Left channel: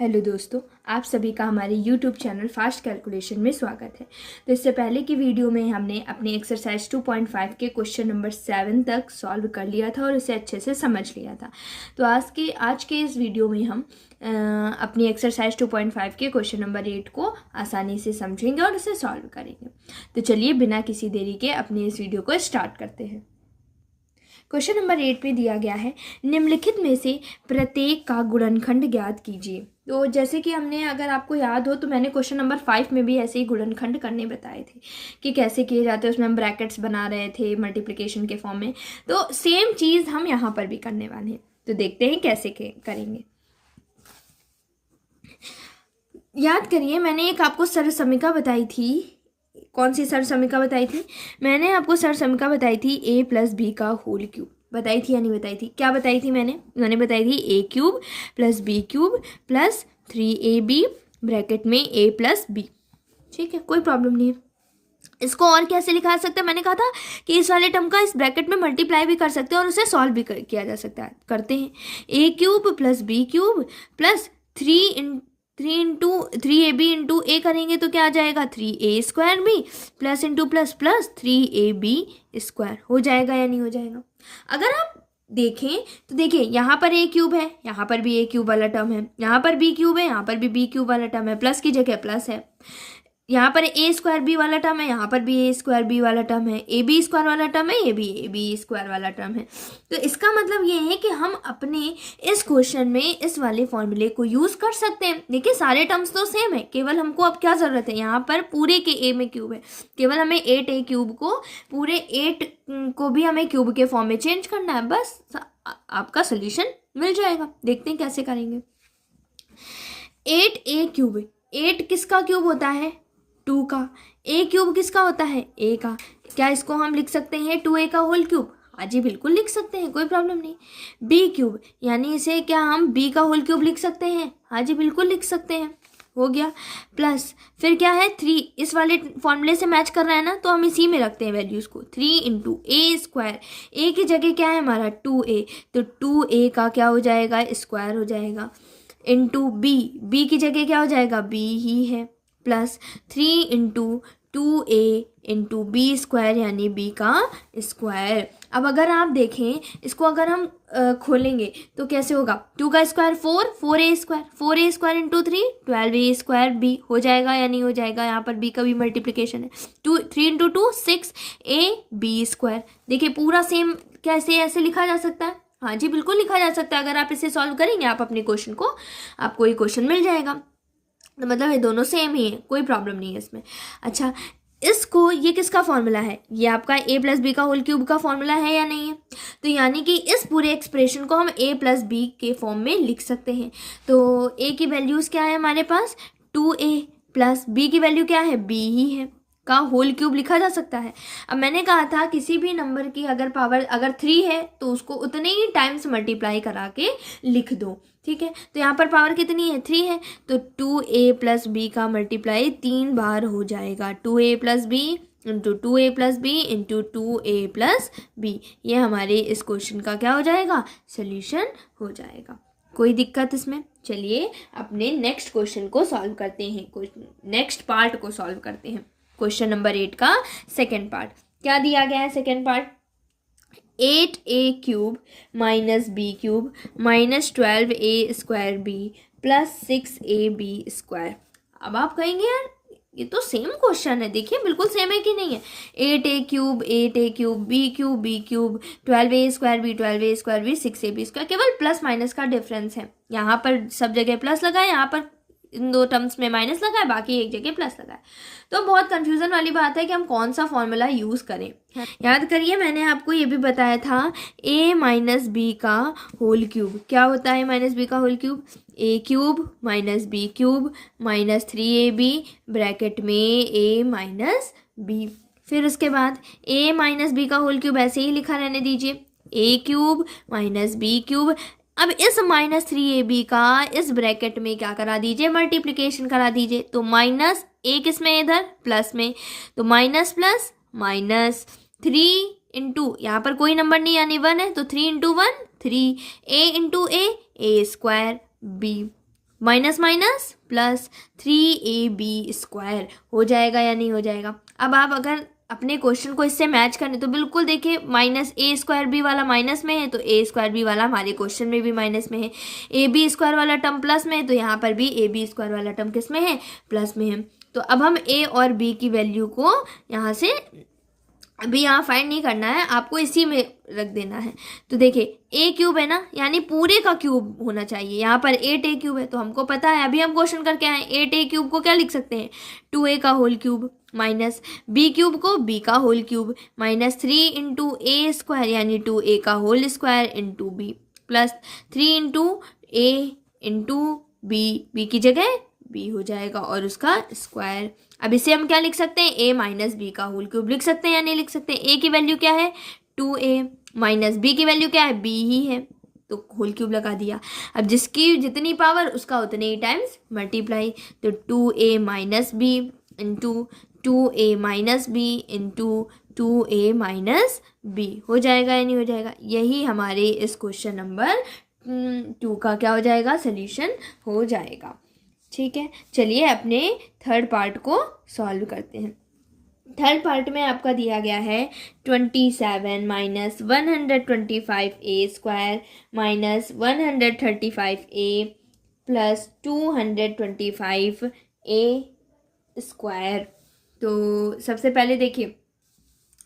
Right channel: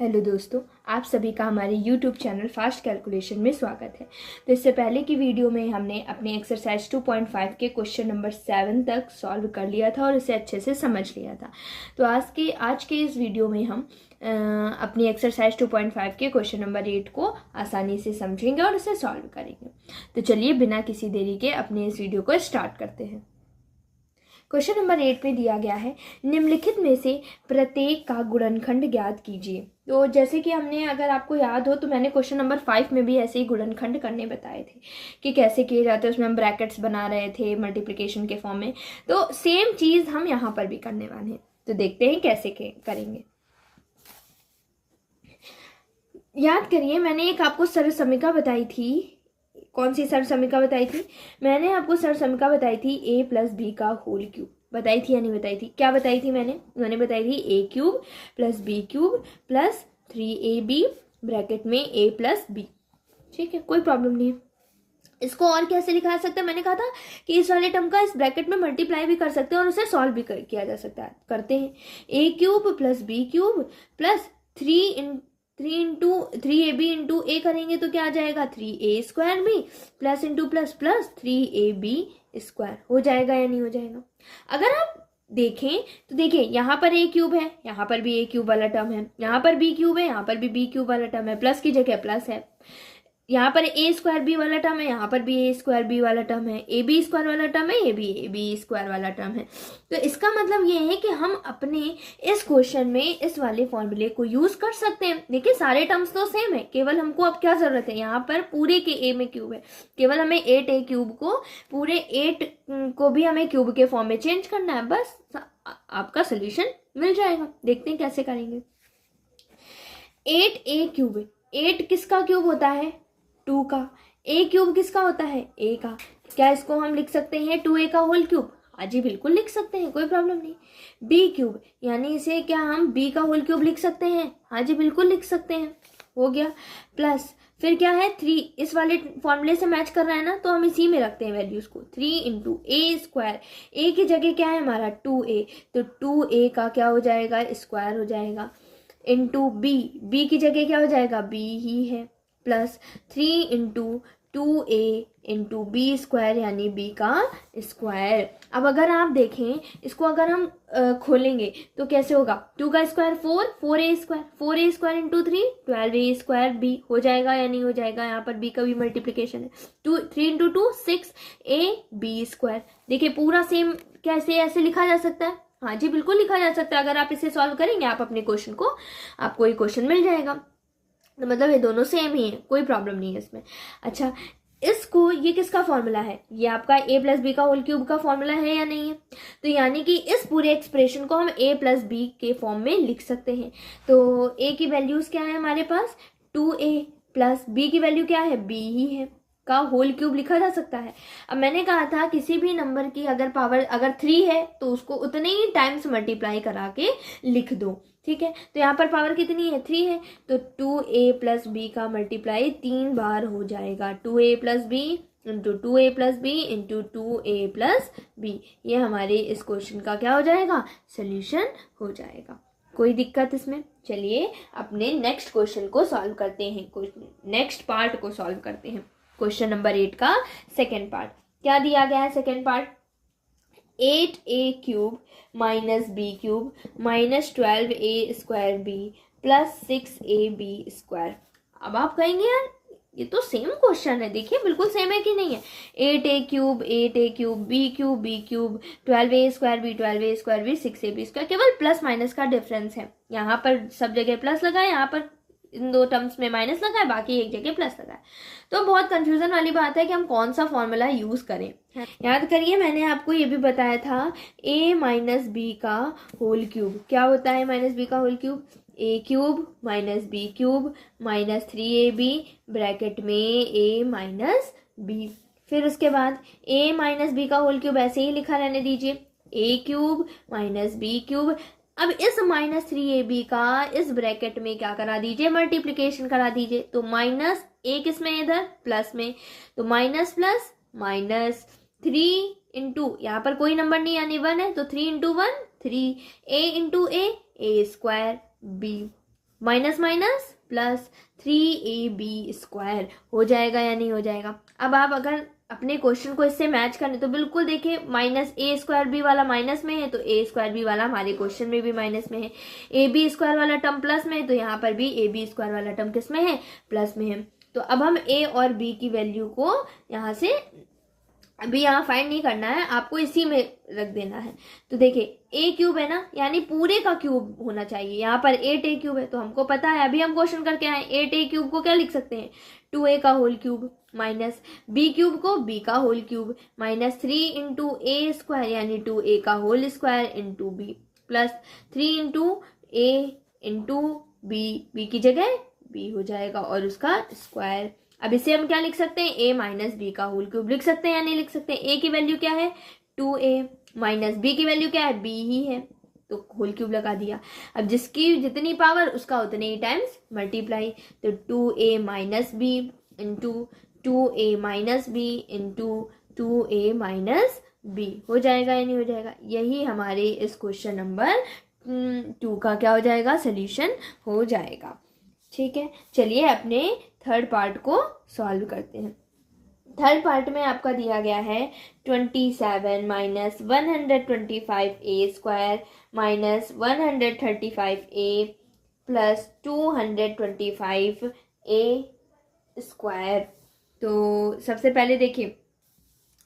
Hello दोस्तों, आप सभी का हमारे YouTube चैनल फास्ट कैलकुलेशन में स्वागत है। तो इससे पहले की वीडियो में हमने अपने एक्सरसाइज 2.5 के क्वेश्चन नंबर 7 तक सॉल्व कर लिया था और इसे अच्छे से समझ लिया था। तो आज के इस वीडियो में हम अपनी एक्सरसाइज 2.5 के क्वेश्चन नंबर 8 को आसानी से समझेंगे और इसे सॉल्व करेंगे। तो चलिए बिना किसी देरी के अपने इस वीडियो को स्टार्ट करते हैं। क्वेश्चन नंबर 8 में दिया गया है, निम्नलिखित में से प्रत्येक का गुणनखंड ज्ञात कीजिए। तो जैसे कि हमने, अगर आपको याद हो तो मैंने क्वेश्चन नंबर 5 में भी ऐसे ही गुणनखंड करने बताए थे कि कैसे किए जाते हैं। उसमें हम ब्रैकेट्स बना रहे थे मल्टीप्लिकेशन के फॉर्म में। तो सेम चीज़ हम यहाँ पर भी करने वाले हैं। तो देखते हैं कैसे करेंगे। याद करिए, मैंने एक आपको सरसमीका बताई थी। कौन सी सरसमीका बताई थी? मैंने आपको सरसमीका बताई थी a+b का होल क्यूब। बताई थी या नहीं बताई थी? क्या बताई थी मैंने बताई थी a³ + b³ + 3ab ब्रैकेट में a+b। ठीक है, कोई प्रॉब्लम नहीं है। इसको और कैसे लिखा जा सकता है? मैंने कहा था कि इस वाले टर्म का इस ब्रैकेट में मल्टीप्लाई भी कर सकते हैं और उसे सॉल्व भी किया जा सकता है। करते हैं। a³ + b³ + 3ab into a करेंगे तो क्या आ जाएगा? 3a² plus into plus plus 3ab² हो जाएगा या नहीं हो जाएगा? अगर आप देखें तो देखिए, यहाँ पर a³ है, यहाँ पर भी a³ वाला टर्म है, यहाँ पर b³ है, यहाँ पर भी b³ वाला टर्म है, प्लस की जगह प्लस है। यहाँ पर a²b वाला टर्म है, यहाँ पर भी a²b वाला टर्म है, ab² वाला टर्म है, ये भी ab² वाला टर्म है। तो इसका मतलब ये है कि हम अपने इस क्वेश्चन में इस वाले फॉर्मूले को यूज कर सकते हैं। देखिए, सारे टर्म्स तो सेम है, केवल हमको अब क्या जरूरत है, यहाँ पर पूरे के a में क्यूब है, केवल हमें 8a³ को, पूरे 8 को भी हमें क्यूब के फॉर्म में चेंज करना है। बस आपका सोल्यूशन मिल जाएगा। देखते हैं कैसे करेंगे। 8a³ 8 किसका क्यूब होता है? 2 का। a³ किसका होता है? a का। क्या इसको हम लिख सकते हैं 2a का होल क्यूब? हाँ जी, बिल्कुल लिख सकते हैं, कोई प्रॉब्लम नहीं। b³ यानी इसे क्या हम b का होल क्यूब लिख सकते हैं? हाँ जी, बिल्कुल लिख सकते हैं। हो गया। प्लस फिर क्या है? 3 इस वाले फॉर्मूले से मैच कर रहा है ना, तो हम इसी में रखते हैं वैल्यूज को। 3 × a², a की जगह क्या है हमारा? 2a, तो 2a का क्या हो जाएगा? स्क्वायर हो जाएगा। इंटू b की जगह क्या हो जाएगा? b ही है। प्लस 3 × 2a × b² यानी b का स्क्वायर। अब अगर आप देखें इसको, अगर हम खोलेंगे तो कैसे होगा? 2 का स्क्वायर 4, 4a² 4a² × 3 12a²b हो जाएगा या नहीं हो जाएगा? यहाँ पर b का भी मल्टीप्लिकेशन है। 3 × 2 6ab²। देखिए पूरा सेम कैसे ऐसे लिखा जा सकता है? हाँ जी, बिल्कुल लिखा जा सकता है। अगर आप इसे सॉल्व करेंगे आप अपने क्वेश्चन को, आपको ये क्वेश्चन मिल जाएगा। तो मतलब ये दोनों सेम ही है, कोई प्रॉब्लम नहीं है इसमें। अच्छा, इसको, ये किसका फॉर्मूला है? ये आपका a+b का होल क्यूब का फॉर्मूला है या नहीं है? तो यानी कि इस पूरे एक्सप्रेशन को हम a+b के फॉर्म में लिख सकते हैं। तो a की वैल्यूज क्या है हमारे पास? 2a प्लस b की वैल्यू क्या है? b ही है, का होल क्यूब लिखा जा सकता है। अब मैंने कहा था किसी भी नंबर की अगर पावर 3 है तो उसको उतने ही टाइम्स मल्टीप्लाई करा के लिख दो। ठीक है, तो यहाँ पर पावर कितनी है? 3 है, तो 2a + b का मल्टीप्लाई 3 बार हो जाएगा। 2a + b into 2a + b into 2a + b। ये हमारे इस क्वेश्चन का क्या हो जाएगा? सोल्यूशन हो जाएगा। कोई दिक्कत इसमें? चलिए अपने नेक्स्ट क्वेश्चन को सॉल्व करते हैं, नेक्स्ट पार्ट को सॉल्व करते हैं। क्वेश्चन नंबर 8 का सेकेंड पार्ट क्या दिया गया है? Second part 8a³ - b³ - 12a² plus 6ab²। अब आप कहेंगे यार ये तो सेम क्वेश्चन है। देखिए बिल्कुल सेम है कि नहीं है? 8a³ b³ 12a² 12a² 6ab², केवल प्लस माइनस का डिफरेंस है। यहाँ पर सब जगह प्लस लगा है, यहाँ पर इन दो टर्म्स में माइनस लगा है, बाकी एक जगह प्लस लगा है। तो बहुत कंफ्यूजन वाली बात है कि हम कौन सा फॉर्मूला यूज करें। याद करिए, मैंने आपको ये भी बताया था a - b का होल क्यूब क्या होता है? -b का whole cube a³ - b³ - 3ab bracket में a - b। फिर उसके बाद a - b का होल क्यूब ऐसे ही लिखा रहने दीजिए, a³ - b³। अब इस -3ab का इस ब्रैकेट में क्या करा दीजिए? मल्टीप्लिकेशन करा दीजिए। तो माइनस a किस में? इधर प्लस में, तो माइनस प्लस माइनस 3 इंटू, यहाँ पर कोई नंबर नहीं यानी 1 है, तो 3 × 1 3, a × a² b। Minus minus plus 3ab² हो जाएगा या नहीं हो जाएगा। अब आप अगर अपने क्वेश्चन को इससे मैच करने तो बिल्कुल देखिए, -a² वाला माइनस में है तो a² वाला हमारे क्वेश्चन में भी माइनस में है, ab² वाला टर्म प्लस में है तो यहाँ पर भी ab² वाला टर्म किस में है, प्लस में है। तो अब हम a और b की वैल्यू को यहाँ से अभी यहाँ फाइंड नहीं करना है, आपको इसी में रख देना है। तो देखिए a³ है ना, यानी पूरे का क्यूब होना चाहिए। यहाँ पर 8a³ है तो हमको पता है, अभी हम क्वेश्चन करके आए, 8a³ को क्या लिख सकते हैं, 2a का होल क्यूब, माइनस b³ को b का whole cube, minus 3 into a² यानी 2a का whole square into b, plus 3 into a into b की जगह b हो जाएगा और उसका स्क्वायर। अब इसे हम क्या लिख सकते हैं, a माइनस बी का होल क्यूब लिख सकते हैं या नहीं लिख सकते हैं। a की वैल्यू क्या है 2a, माइनस b की वैल्यू क्या है b ही है, तो होल क्यूब लगा दिया। अब जिसकी जितनी पावर उसका उतने ही टाइम्स मल्टीप्लाई, तो 2a minus b into 2a minus b into 2a minus b हो जाएगा या नहीं हो जाएगा। यही हमारे इस क्वेश्चन नंबर 2 का क्या हो जाएगा, सोल्यूशन हो जाएगा। ठीक है, चलिए अपने थर्ड पार्ट को सॉल्व करते हैं। थर्ड पार्ट में आपका दिया गया है 27 minus 125a² minus 135a plus 225a²। तो सबसे पहले देखिए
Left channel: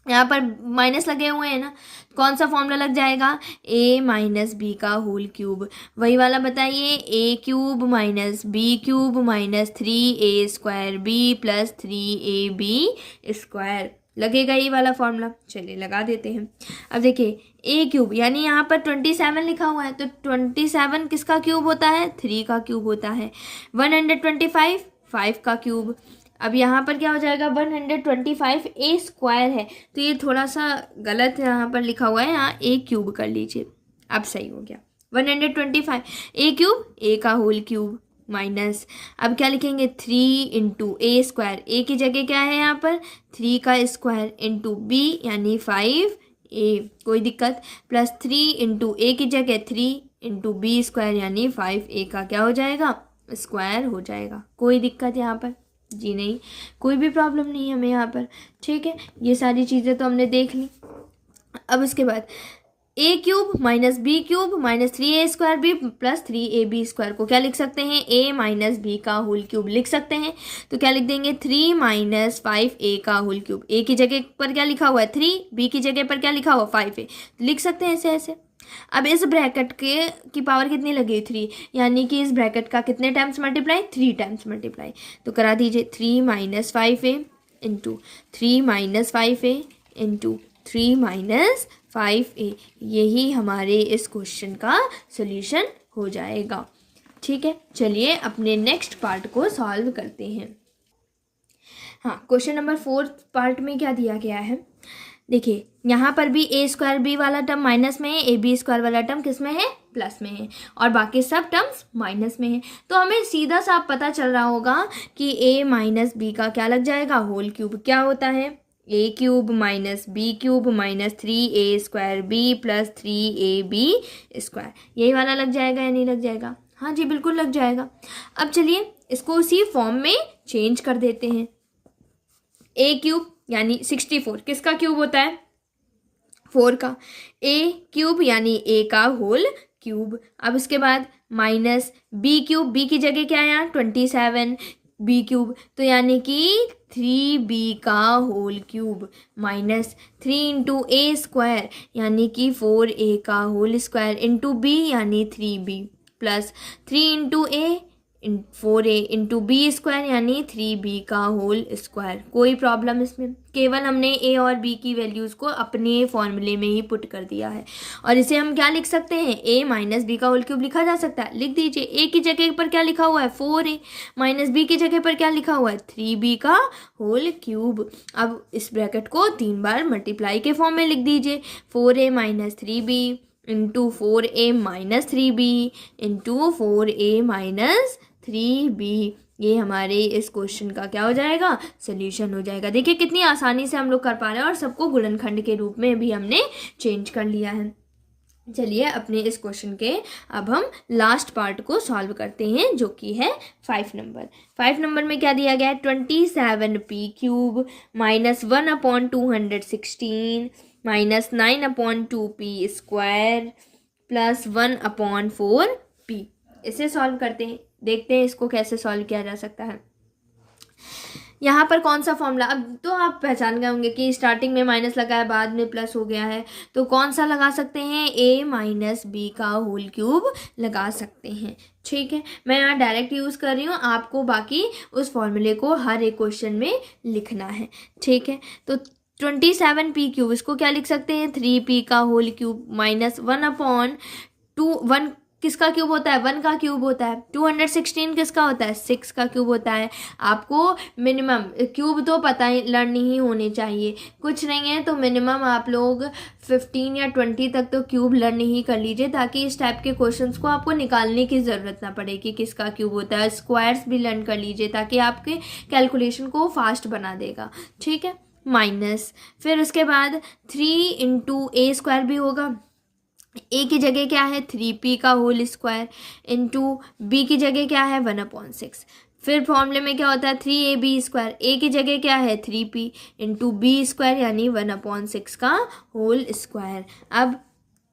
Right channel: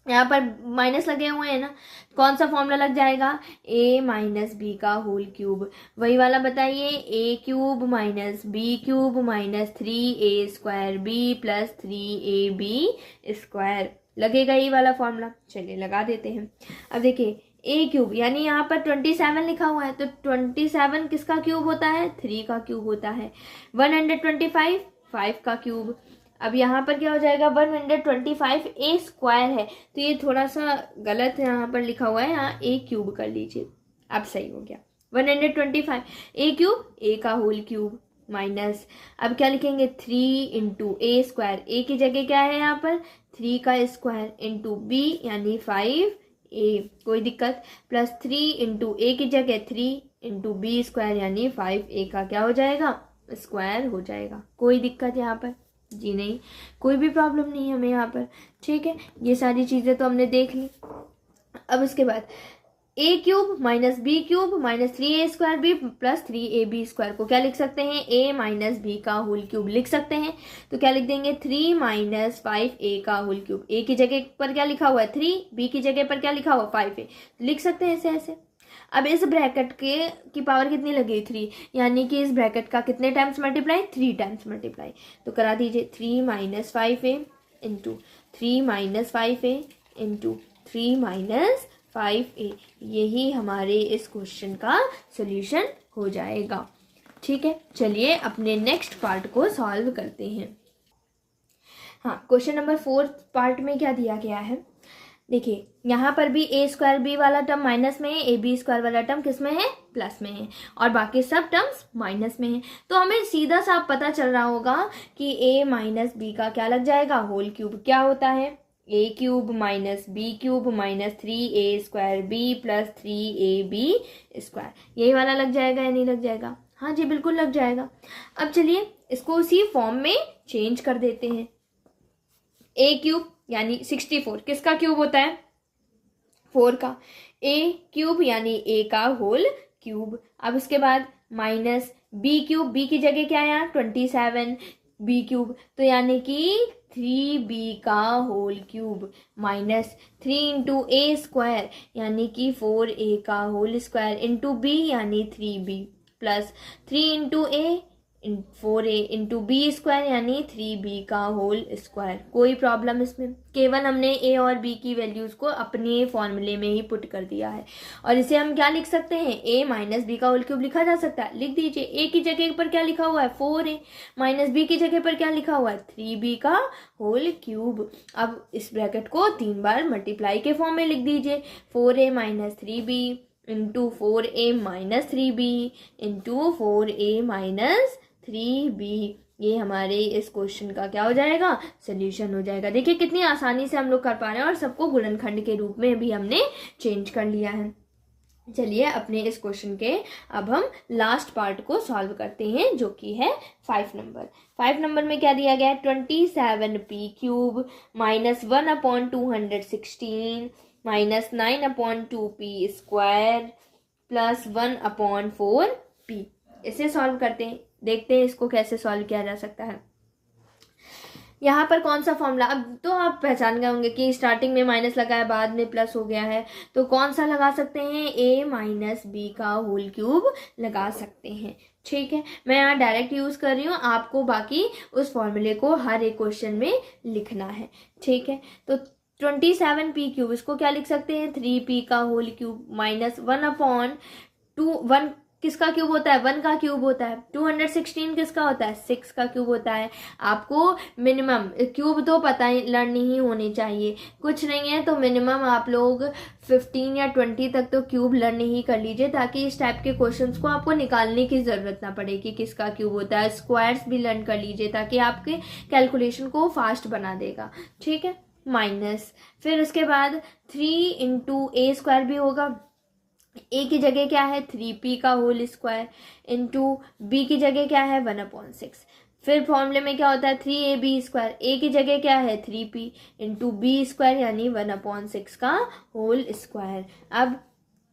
यहाँ पर माइनस लगे हुए हैं ना, कौन सा फॉर्मूला लग जाएगा, a माइनस बी का होल क्यूब, वही वाला बताइए, a³ minus b³ minus 3a² b plus 3ab² लगेगा, ये वाला फॉर्मूला। चलिए लगा देते हैं। अब देखिए a³ यानी यहाँ पर 27 लिखा हुआ है तो 27 किसका क्यूब होता है, 3 का क्यूब होता है। 125 5 का क्यूब। अब यहाँ पर क्या हो जाएगा, 125a² है तो ये थोड़ा सा गलत यहाँ पर लिखा हुआ है, यहाँ a³ कर लीजिए, अब सही हो गया। 125 a³ a का होल क्यूब माइनस, अब क्या लिखेंगे 3 इंटू a², a की जगह क्या है यहाँ पर 3 का स्क्वायर इंटू b यानी 5a, कोई दिक्कत, प्लस 3 इंटू a की जगह 3 इंटू b² यानी 5a का क्या हो जाएगा, स्क्वायर हो जाएगा। कोई दिक्कत यहाँ पर जी नहीं, कोई भी प्रॉब्लम नहीं है हमें यहाँ पर। ठीक है, ये सारी चीज़ें तो हमने देख ली। अब इसके बाद a³ minus b³ minus 3a² b plus 3ab² को क्या लिख सकते हैं, a माइनस बी का होल क्यूब लिख सकते हैं। तो क्या लिख देंगे 3 माइनस 5a का होल क्यूब, a की जगह पर क्या लिखा हुआ है 3, b की जगह पर क्या लिखा हुआ 5a, लिख सकते हैं ऐसे ऐसे। अब इस ब्रैकेट के की पावर कितनी लगी 3, यानी कि इस ब्रैकेट का कितने टाइम्स मल्टीप्लाई, 3 टाइम्स मल्टीप्लाई। तो करा दीजिए 3 minus 5a into 3 minus 5a into 3 minus 5a, यही हमारे इस क्वेश्चन का सोल्यूशन हो जाएगा। ठीक है, चलिए अपने नेक्स्ट पार्ट को सॉल्व करते हैं। हाँ, क्वेश्चन नंबर 4 पार्ट में क्या दिया गया है, देखिए यहाँ पर भी a² वाला टर्म माइनस में है, ab² वाला टर्म किस में है, प्लस में है, और बाकी सब टर्म्स माइनस में है। तो हमें सीधा सा पता चल रहा होगा कि a माइनस बी का क्या लग जाएगा, होल क्यूब क्या होता है, a³ minus b³ minus 3a² b plus 3ab², यही वाला लग जाएगा या नहीं लग जाएगा, हाँ जी बिल्कुल लग जाएगा। अब चलिए इसको उसी फॉर्म में चेंज कर देते हैं। a³ यानी 64 किसका क्यूब होता है, 4 का, a³ यानी a का होल क्यूब। अब उसके बाद माइनस b³ b की जगह क्या है यहाँ 27 b³ तो यानी कि 3b का whole cube minus 3 into a² यानी कि 4a का होल स्क्वायर इंटू b यानी 3b plus 3 into a 4a into b² यानी 3b का होल स्क्वायर। कोई प्रॉब्लम इसमें, केवल हमने a और b की वैल्यूज़ को अपने फॉर्मूले में ही पुट कर दिया है। और इसे हम क्या लिख सकते हैं, a माइनस बी का होल क्यूब लिखा जा सकता है, लिख दीजिए। a की जगह पर क्या लिखा हुआ है 4a, माइनस b की जगह पर क्या लिखा हुआ है 3b का होल क्यूब। अब इस ब्रैकेट को 3 बार मल्टीप्लाई के फॉर्म में लिख दीजिए, 4a minus 3b into 4a minus 3b into 4a minus 3b, ये हमारे इस क्वेश्चन का क्या हो जाएगा, सोल्यूशन हो जाएगा। देखिए कितनी आसानी से हम लोग कर पा रहे हैं और सबको गुणनखंड के रूप में भी हमने चेंज कर लिया है। चलिए अपने इस क्वेश्चन के अब हम लास्ट पार्ट को सॉल्व करते हैं, जो कि है 5 नंबर। 5 नंबर में क्या दिया गया है, 27p³ minus 1/216 minus 9/2p² plus 1/4p। इसे सॉल्व करते हैं, देखते हैं इसको कैसे सॉल्व किया जा सकता है। यहाँ पर कौन सा फॉर्मूला, अब तो आप पहचान गए होंगे कि स्टार्टिंग में माइनस लगा है, बाद में प्लस हो गया है, तो कौन सा लगा सकते हैं, a माइनस बी का होल क्यूब लगा सकते हैं। ठीक है, मैं यहाँ डायरेक्ट यूज़ कर रही हूँ, आपको बाकी उस फॉर्मूले को हर एक क्वेश्चन में लिखना है। ठीक है, तो 27p³ इसको क्या लिख सकते हैं, 3p का होल क्यूब माइनस 1/1 किसका क्यूब होता है, 1 का क्यूब होता है। 216 किसका होता है, 6 का क्यूब होता है। आपको मिनिमम क्यूब तो पता ही लर्न ही होने चाहिए, कुछ नहीं है तो मिनिमम आप लोग 15 या 20 तक तो क्यूब लर्न ही कर लीजिए, ताकि इस टाइप के क्वेश्चंस को आपको निकालने की ज़रूरत ना पड़े कि किसका क्यूब होता है। स्क्वायर्स भी लर्न कर लीजिए, ताकि आपके कैलकुलेशन को फास्ट बना देगा। ठीक है, माइनस फिर उसके बाद 3 × a² भी होगा। a की जगह क्या है, 3p का होल स्क्वायर इंटू b की जगह क्या है, 1/6। फिर फॉर्मूले में क्या होता है, 3ab², a की जगह क्या है, 3p इंटू b² यानी 1/6 का होल स्क्वायर। अब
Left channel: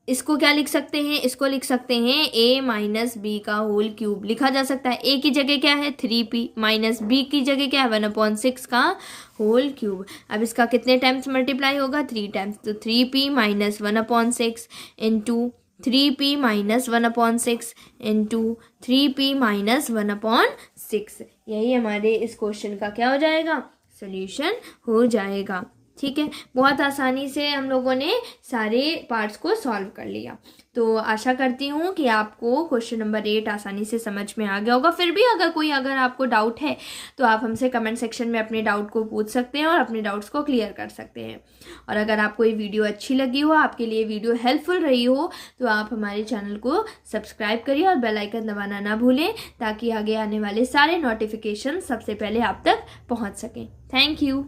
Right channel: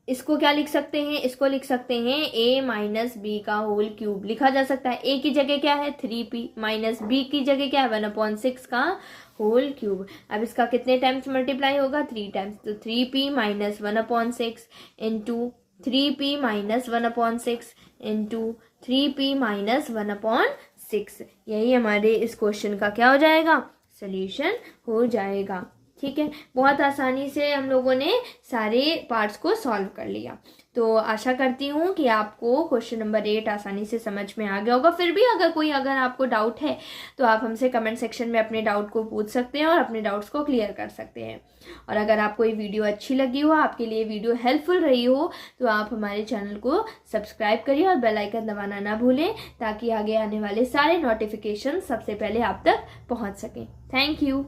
इसको क्या लिख सकते हैं, इसको लिख सकते हैं a माइनस बी का होल क्यूब लिखा जा सकता है। a की जगह क्या है, 3p माइनस b की जगह क्या है, 1/6 का होल क्यूब। अब इसका कितने टाइम्स मल्टीप्लाई होगा, 3 टाइम्स, तो 3p minus 1/6 into 3p minus 1/6 into 3p minus 1/6। यही हमारे इस क्वेश्चन का क्या हो जाएगा, सोल्यूशन हो जाएगा। ठीक है, बहुत आसानी से हम लोगों ने सारे पार्ट्स को सॉल्व कर लिया। तो आशा करती हूँ कि आपको क्वेश्चन नंबर 8 आसानी से समझ में आ गया होगा। फिर भी अगर आपको डाउट है तो आप हमसे कमेंट सेक्शन में अपने डाउट को पूछ सकते हैं और अपने डाउट्स को क्लियर कर सकते हैं। और अगर आपको ये वीडियो अच्छी लगी हो, आपके लिए वीडियो हेल्पफुल रही हो, तो आप हमारे चैनल को सब्सक्राइब करिए और बेल आइकन दबाना ना भूलें, ताकि आगे आने वाले सारे नोटिफिकेशन सबसे पहले आप तक पहुँच सकें। Thank you.